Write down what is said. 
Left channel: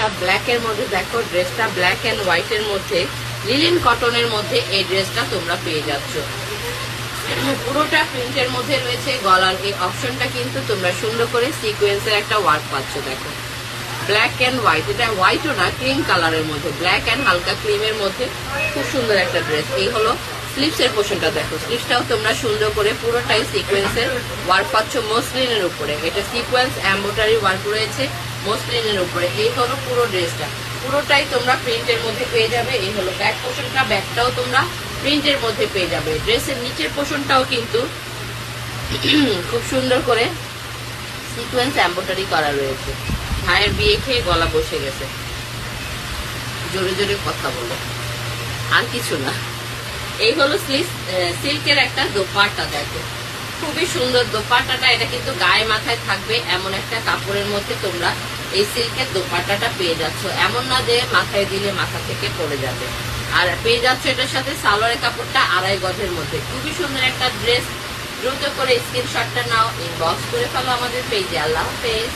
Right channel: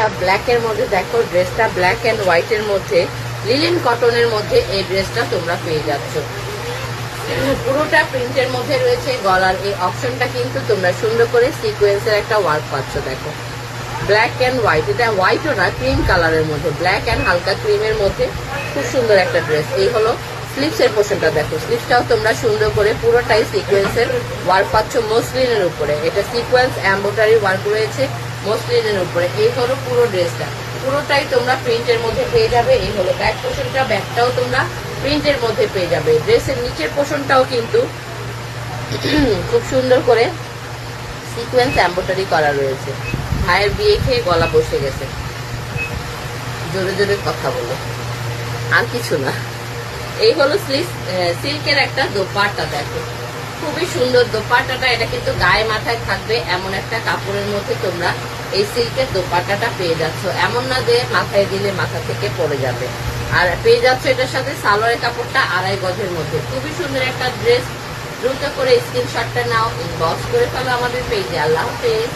একটা ব্ল্যাক এর মধ্যে দেখো, ড্রেসটা ব্ল্যাক এন্ড হোয়াইট এর মধ্যে লিনেন কটনের মধ্যে এই ড্রেসটা তোমরা পেয়ে যাচ্ছ। পুরোটা প্রিন্টের মধ্যে রয়েছে। গলার এই অপশনটা কিন্তু তোমরা সুন্দর করে সিকোয়েন্সের একটা ওয়ার্ক পাচ্ছ। দেখো ব্ল্যাক এন্ড হোয়াইট, এটা হোয়াইটও না, ক্রিম কালারের মধ্যে, ব্ল্যাক এন্ড হালকা ক্রিমের মধ্যে খুব সুন্দর একটা ড্রেস। এই হলো স্লিভস এর পোর্শনটা। দেখো স্লিভসটাও তোমরা সুন্দর করে পুরোটাই সিকোয়েন্সের ওয়ার্ক পাচ্ছ মসলিনের উপরে। এটা সিকোয়েন্স এমব্রয়ডারি ওয়ার্ক রয়েছে মসলিনের উপরে। এই হলো পুরো ড্রেসটা, পুরোটাই তোমরা প্রিন্টের মধ্যে পেয়ে যাবে। এই হলো ব্যাক পোর্শনটা, ব্যাকটাও তোমরা প্রিন্টের মধ্যে পেয়ে যাবে। ড্রেসের নিচের পোর্শনটাও কিন্তু খুব সুন্দর করে সিকোয়েন্স এমব্রয়ডারি করা রয়েছে। ভাইয়ের বিয়ে খেয়ে গলা বসে গেছে, জোরে জোরে কথা বলে, আর কিছু না। এই হলো সিল্কের একটা দোপাট্টা। দেখো খুবই সুন্দর দোপাট্টাটা। এটা কিন্তু গায়ে মাথায় থাকবে এমন একটা কাপড়ের মধ্যে তোমরা এই সিল্কের দোপাট্টাটা পেয়ে যাচ্ছ। এমন না যে মাথায় দিলে মাথা থেকে পড়ে যাবে। আর পেয়ে যাচ্ছ এটার সাথে সালোয়ারের কাপড়টা 2.5 গজের মধ্যে। খুবই সুন্দর একটা ড্রেস। দ্রুত করে স্ক্রিনশটটা নাও, ইনবক্স করে ফেলো আমাদের পেজে। আল্লাহ হাফেজ।